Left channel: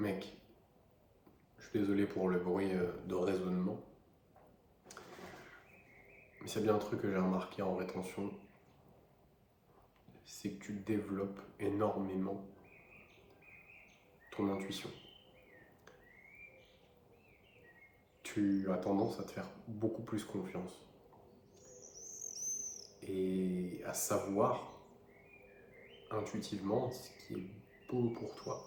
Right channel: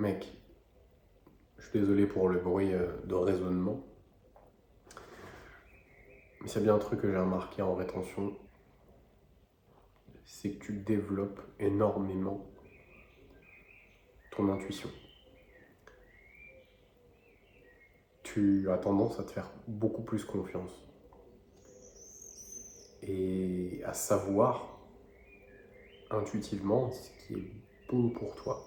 Mec, je suis désolé pour le bruit de raisonnement, mais c'est bien un truc que j'ai remarqué en rétention, c'est que tu développes énormément ton intuition. Tu as tendance à te faire beaucoup plus confiance et à savoir intuitivement ce qui est bon pour toi.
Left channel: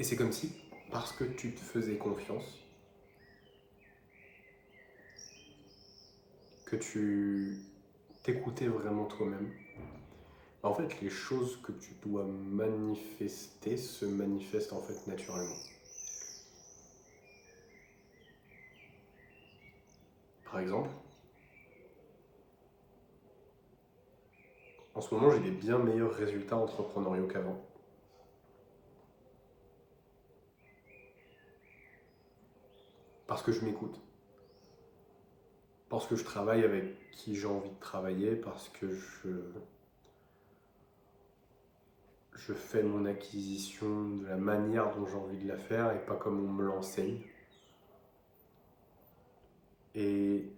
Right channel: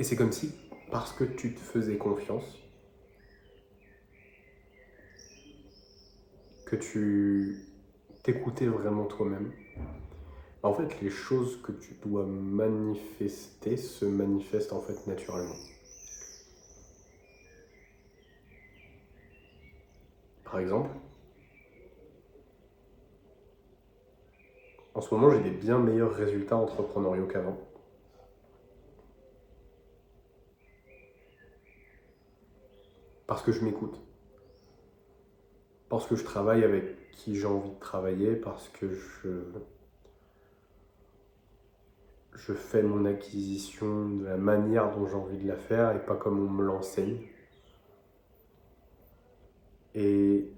Et c'est comme si, parce que tu te faisais confiance, que tu t'écoutais vraiment toi-même, en fait, les choses que tu dois manifester se manifestent en fait naturellement. Par exemple, en ce moment, j'ai des bien meilleurs résultats entrepreneuriaux qu'avant. Parce que je m'écoute. Parce que je travaille avec qui j'ai envie de travailler. Parce que je fais mon acquisition de la manière dont j'ai envie de la faire et pas comme on me l'enseigne. Et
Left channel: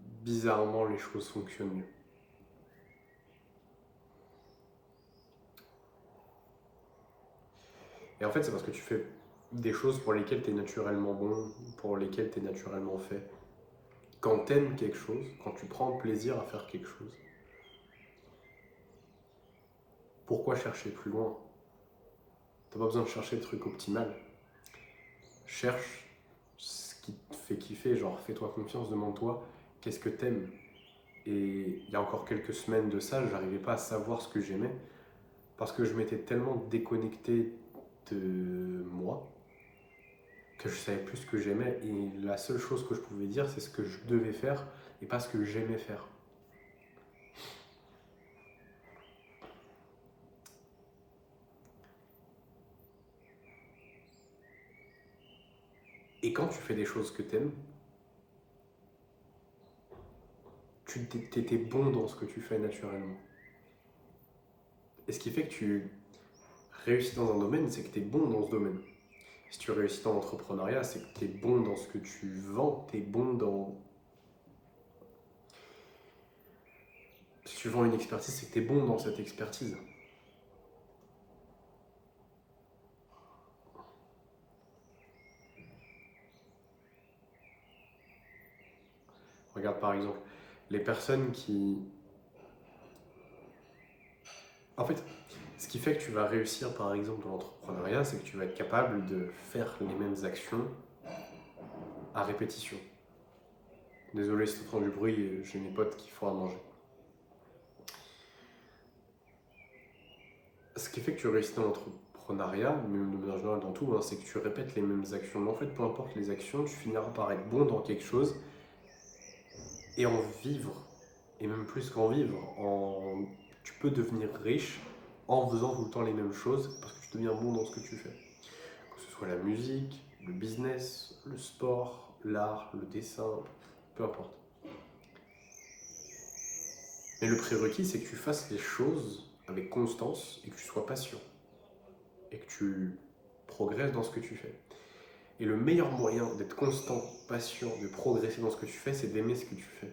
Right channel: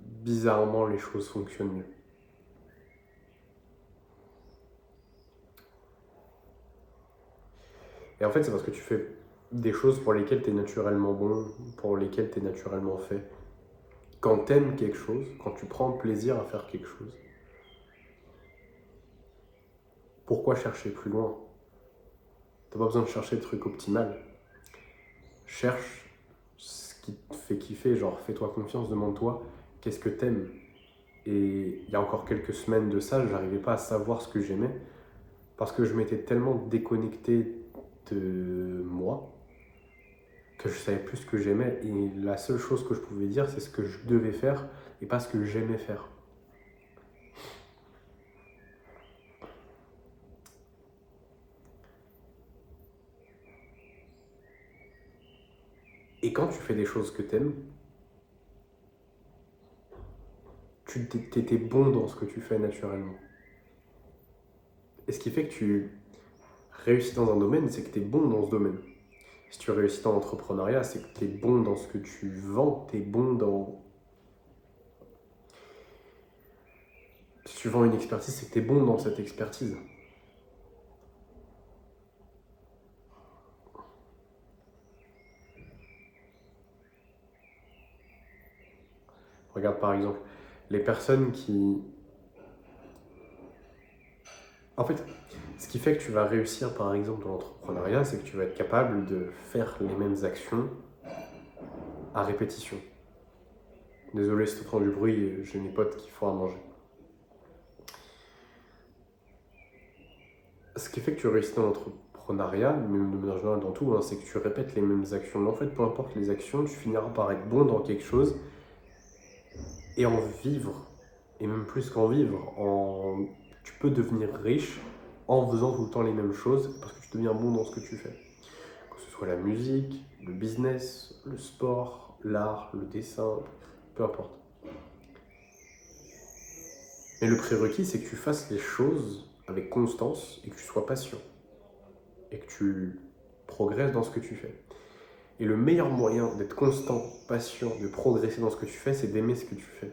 bizarrement, les choses fonctionnent mieux. Et en fait, c'est parce que tu fais des choses pour lesquelles tu es naturellement bon, pour lesquelles tu es naturellement fait. Quand tu aimes quelque chose, quand tu prends plaisir à faire quelque chose, pourquoi chercher plus loin? T'as pas besoin de chercher le truc optimal. Cherche ce qui te fait kiffer, genre fais-toi confiance, demande-toi qu'est-ce que t'aimes. Et il y a encore quelques semaines de ça, j'arrivais pas à savoir ce que j'aimais parce que je m'étais tellement déconnecté de moi que je savais plus ce que j'aimais et la seule chose que je pouvais dire c'est ce que je devais faire et pas ce que j'aimais faire. Et quand tu fais des choses que t'aimes, tu t'étais bon dans ce que tu fais naturellement. Et ce qui fait que tu réussis dans un domaine, c'est que tu es bon dans ce domaine. Si tu réussis dans l'entrepreneuriat, c'est que tu es bon dans ce que tu vends, tu es bon dans... Si tu vends une expertise, c'est que tu es bon dans cette expertise. Regarde par exemple, les personnes qui... En fait, ce qui fait que tu vas réussir par exemple dans l'entrepreneuriat, c'est que tu vas être capable de faire les mêmes actions à répétition. Désolé si tu entends du bruit, j'ai mes potes qui font à manger. Ce qui fait que tu réussis dans l'entrepreneuriat, même de manière générale dans tout, hein, c'est que tu répètes les mêmes actions. Mais en fait, peu importe les actions, tu finiras par être bon dans quelque chose et en vivre. Et même plus qu'en vivre, tu peux devenir riche en faisant tout le temps les mêmes choses parce que tu deviens bon dans ce que tu fais. Que ce soit la musique, le business, le sport, l'art, le dessin, peu importe. Mais le prérequis, c'est que tu fasses les choses avec constance et que tu sois patient. Et que tu progresses dans ce que tu fais. Et le meilleur moyen d'être constant, patient, de progresser dans ce que tu fais, c'est d'aimer ce que tu fais.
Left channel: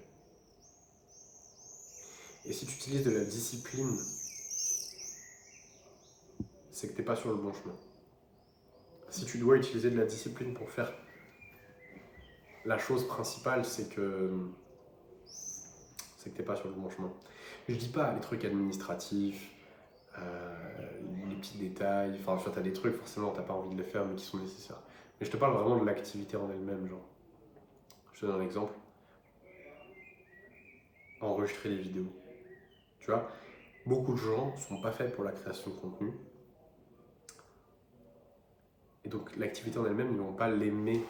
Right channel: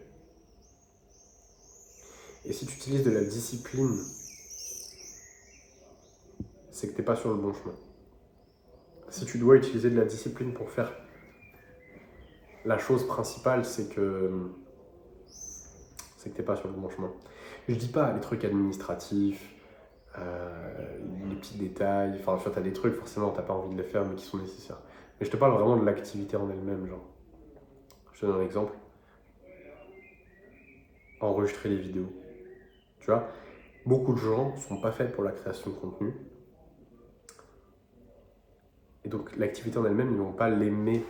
Et si tu utilises de la discipline, c'est que tu n'es pas sur le bon chemin. Si tu dois utiliser de la discipline pour faire la chose principale, c'est que tu n'es pas sur le bon chemin. Je dis pas les trucs administratifs, les petits détails, enfin tu as des trucs forcément tu n'as pas envie de les faire mais qui sont nécessaires. Mais je te parle vraiment de l'activité en elle-même, genre. Je te donne un exemple. Enregistrer les vidéos. Tu vois, beaucoup de gens ne sont pas faits pour la création de contenu. Et donc l'activité en elle-même, ils ne vont pas l'aimer.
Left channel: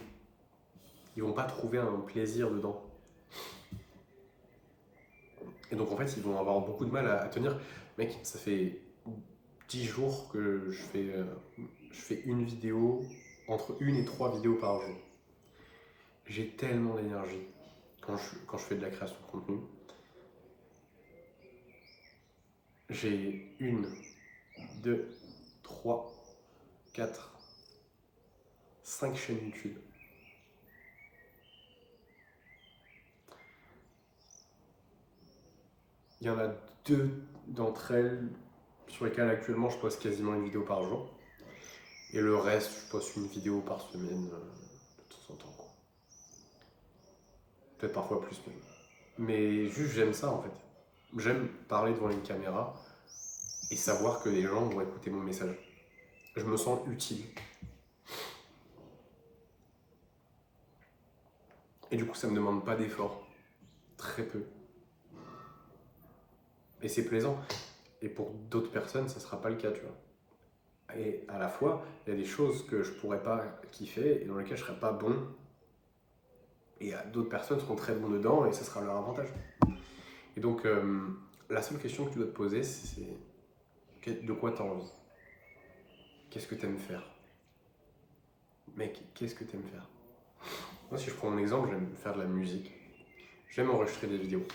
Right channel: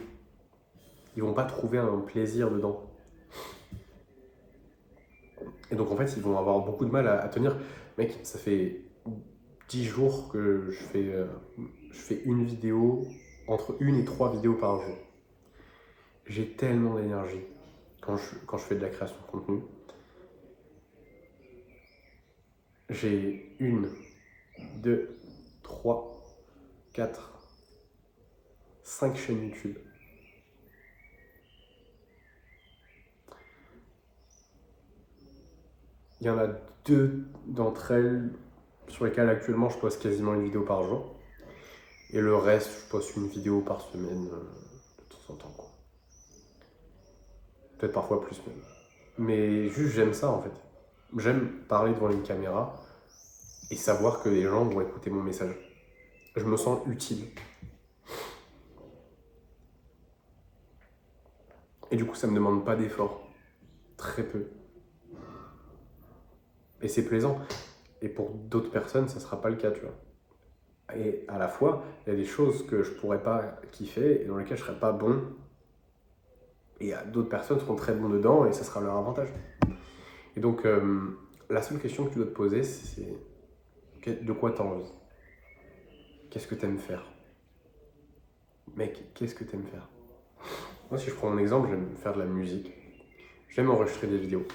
Ils ne vont pas trouver un plaisir dedans. Et donc en fait, ils vont avoir beaucoup de mal à tenir. Mec, ça fait 10 jours que je fais une vidéo, entre une et trois vidéos par jour. J'ai tellement d'énergie quand je fais de la création de contenu. J'ai une, deux, 4, 5 chaînes YouTube. Il y en a 2 d'entre elles sur lesquelles actuellement je poste quasiment une vidéo par jour. Et le reste, je poste une vidéo par semaine de temps en temps, quoi. Peut-être parfois plus même. Mais juste j'aime ça en fait. J'aime parler devant une caméra et savoir que les gens vont écouter mon message. Je me sens utile. Et du coup, ça me demande pas d'effort. Très peu. Et c'est plaisant. Et pour d'autres personnes, ça sera pas le cas, tu vois. Et à la fois, il y a des choses que je pourrais pas kiffer et dans lesquelles je serais pas bon. Et d'autres personnes seront très bons dedans et ça sera leur avantage. Et donc, la seule question que tu dois te poser, c'est de quoi tu as envie? Qu'est-ce que tu aimes faire? Mec, qu'est-ce que tu aimes faire? Moi, si je prends mon exemple, j'aime faire de la musique. J'aime enregistrer des vidéos.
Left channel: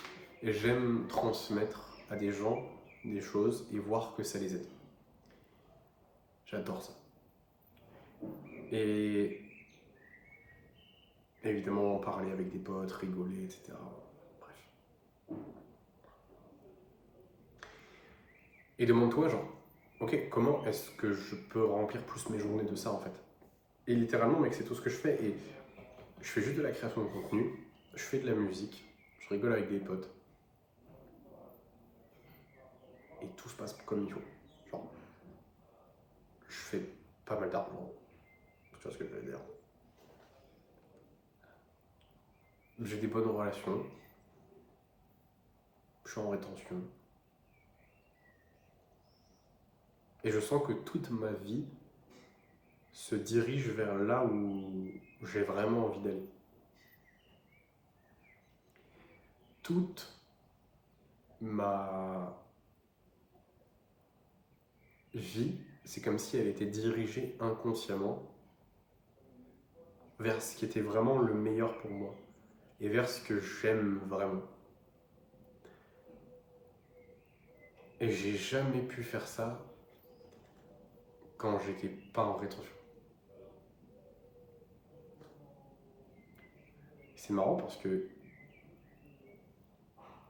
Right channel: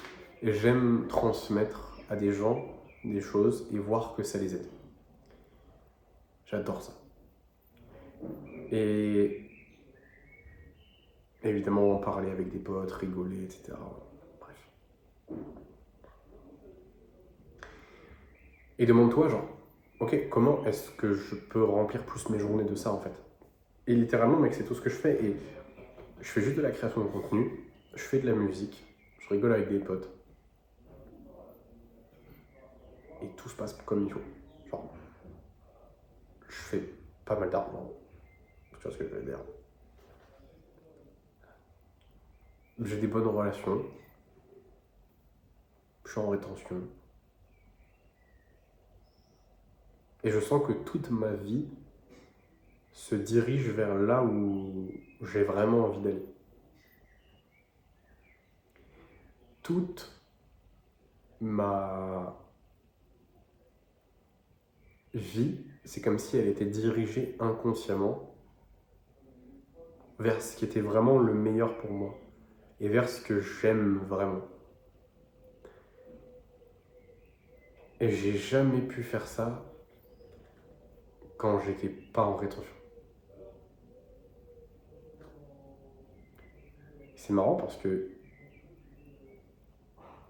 Et j'aime transmettre à des gens des choses et voir que ça les aide. J'adore ça. Et évidemment, en parler avec des potes, rigoler, etc. Bref. Et demande-toi, genre, ok, comment est-ce que je peux remplir plus mes journées de ça, en fait? Et littéralement, mec, c'est tout ce que je fais. Et je fais juste de la création de contenu, je fais de la musique, je rigole avec des potes. Et tout se passe comme il faut. Genre, je fais pas mal d'argent. Tu vois ce que je veux dire? J'ai des bonnes relations. Je suis en rétention. Et je sens que toute ma vie se dirige vers là où j'ai vraiment envie d'aller. Toute ma vie, c'est comme si elle était dirigée inconsciemment vers ce qui était vraiment le meilleur pour moi et vers ce que j'aime vraiment. Et j'ai jamais pu faire ça quand j'étais pas en rétention. C'est marrant parce que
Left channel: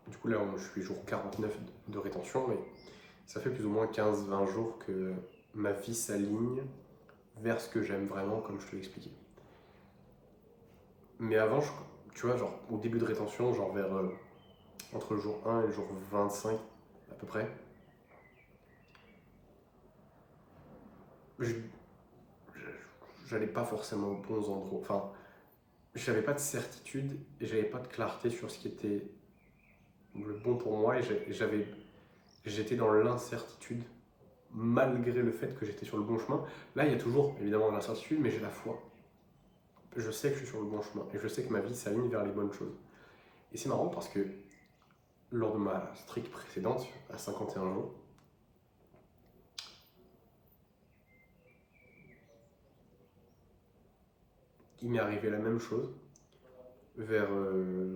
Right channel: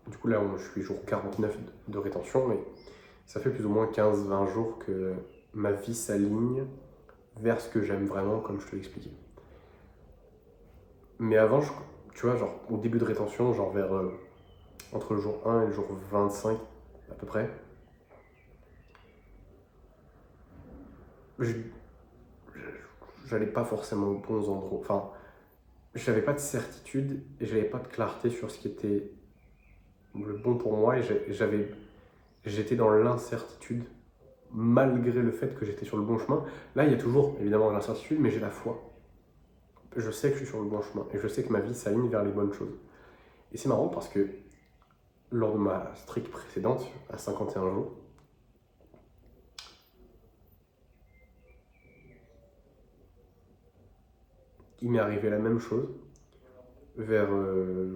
du coup là je suis jour 49 de rétention, mais ça fait plus ou moins 15-20 jours que ma vie s'aligne vers ce que j'aime vraiment, comme je te l'expliquais. Mais avant, tu vois, genre au début de rétention, genre vers entre le jour 1 et le jour 25 à peu près, j'allais pas forcément aux bons endroits. Enfin, j'avais pas de certitude et j'avais pas de clarté sur ce qui était le bon pour moi et j'étais dans l'incertitude malgré le fait que j'étais sur le bon chemin. Là, il y a toujours évidemment de l'incertitude, mais j'ai la foi. Je sais que je suis sur le bon chemin et je sais que ma vie s'aligne vers les bonnes choses. Et c'est marrant parce que lors de ma streak précédente, à 51 jours, il m'est arrivé la même chose vers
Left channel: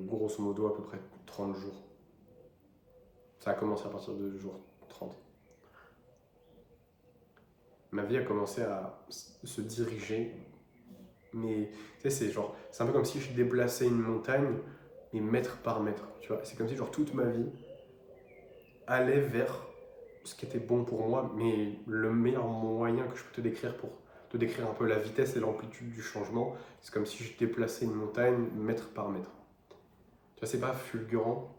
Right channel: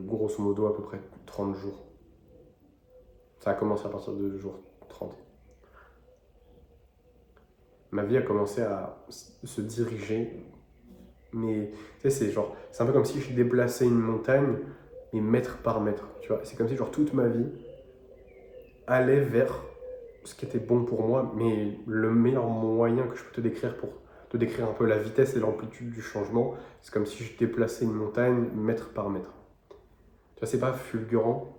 grosso modo à peu près 30 jours. Ça a commencé à partir de jour 30. Ma vie a commencé à se diriger, mais tu sais, c'est un peu comme si je déplaçais une montagne, mais mètre par mètre, tu vois. C'est comme si genre toute ma vie allait vers ce qui était bon pour moi, mais le meilleur moyen que je peux te décrire pour te décrire un peu la vitesse et l'amplitude du changement, c'est comme si je déplaçais une montagne mètre par mètre. Tu vois, c'est pas fulgurant,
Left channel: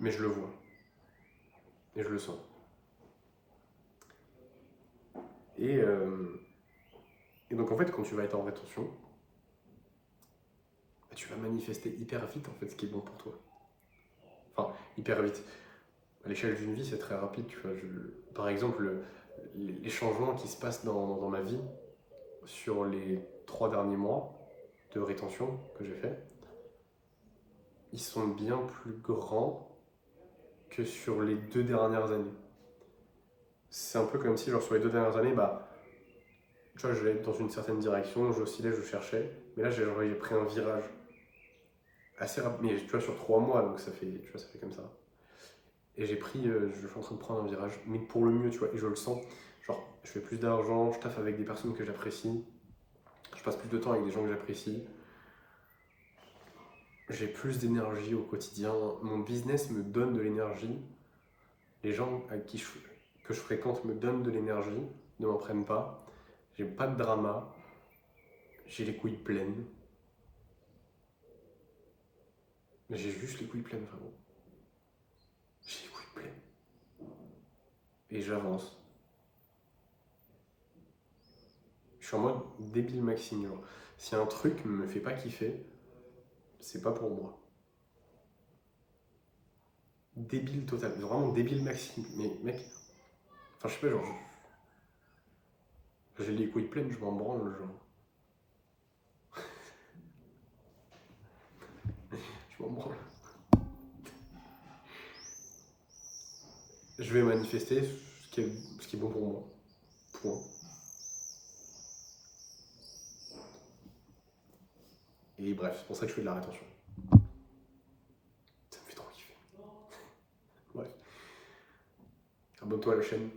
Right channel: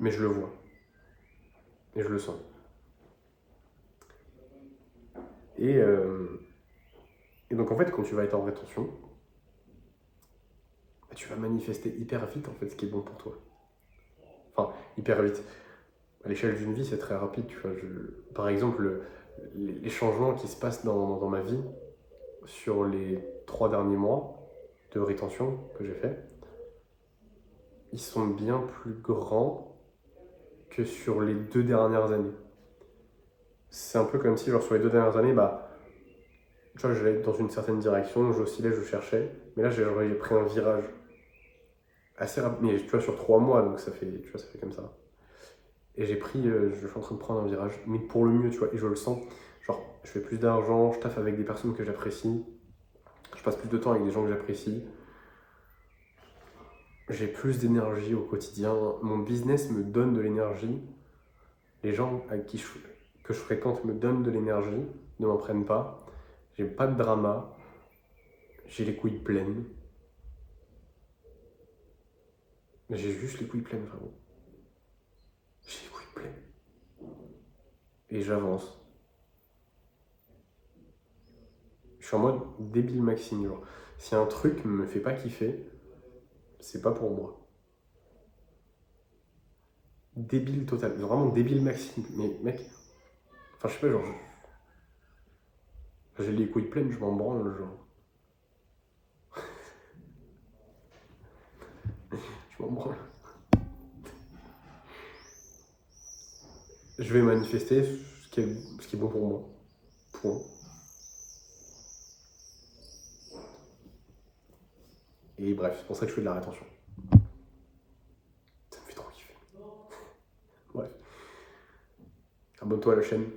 mais je le vois. Et je le sens. Et, euh, et donc en fait, quand tu vas être en rétention, bah, tu vas manifester hyper vite en fait ce qui est bon pour toi. Enfin, hyper vite. À l'échelle d'une vie, c'est très rapide. Tu vois. Par exemple, les changements qui se passent dans ma vie sur les 3 derniers mois de rétention que j'ai fait, ils sont bien plus grands que sur les 2 dernières années. C'est un peu comme si, genre, sur les 2 dernières années, bah, tu vois, j'allais dans une certaine direction, j'oscillais, je cherchais, mais là, j'ai pris un virage assez rapide, mais tu vois, sur 3 mois, donc ça fait comme ça. Et je suis en train de prendre un virage, mais pour le mieux, tu vois, et je le sens. Genre, je fais plus d'argent, je taffe avec des personnes que j'apprécie, je passe plus de temps avec des gens que j'apprécie, j'ai plus d'énergie au quotidien, mon business me donne de l'énergie, les gens que je fréquente me donnent de l'énergie, ne m'en prennent pas, j'ai pas de drama, j'ai les couilles pleines. J'ai juste les couilles pleines, frérot. J'ai les couilles pleines. Et j'avance. Je suis en mode débile Maxime, genre. Si un truc me fait pas kiffer, c'est pas pour moi. Débile total. Vraiment débile Maxime. Mais mec, enfin je sais pas, genre, j'ai les couilles pleines, je m'en branle, genre. Je m'en branle. Je vais manifester ce qui est bon pour moi. Point. Et bref, c'est pour ça que je fais de la rétention. Ça me fait trop kiffer. Bref. Abonne-toi à la chaîne.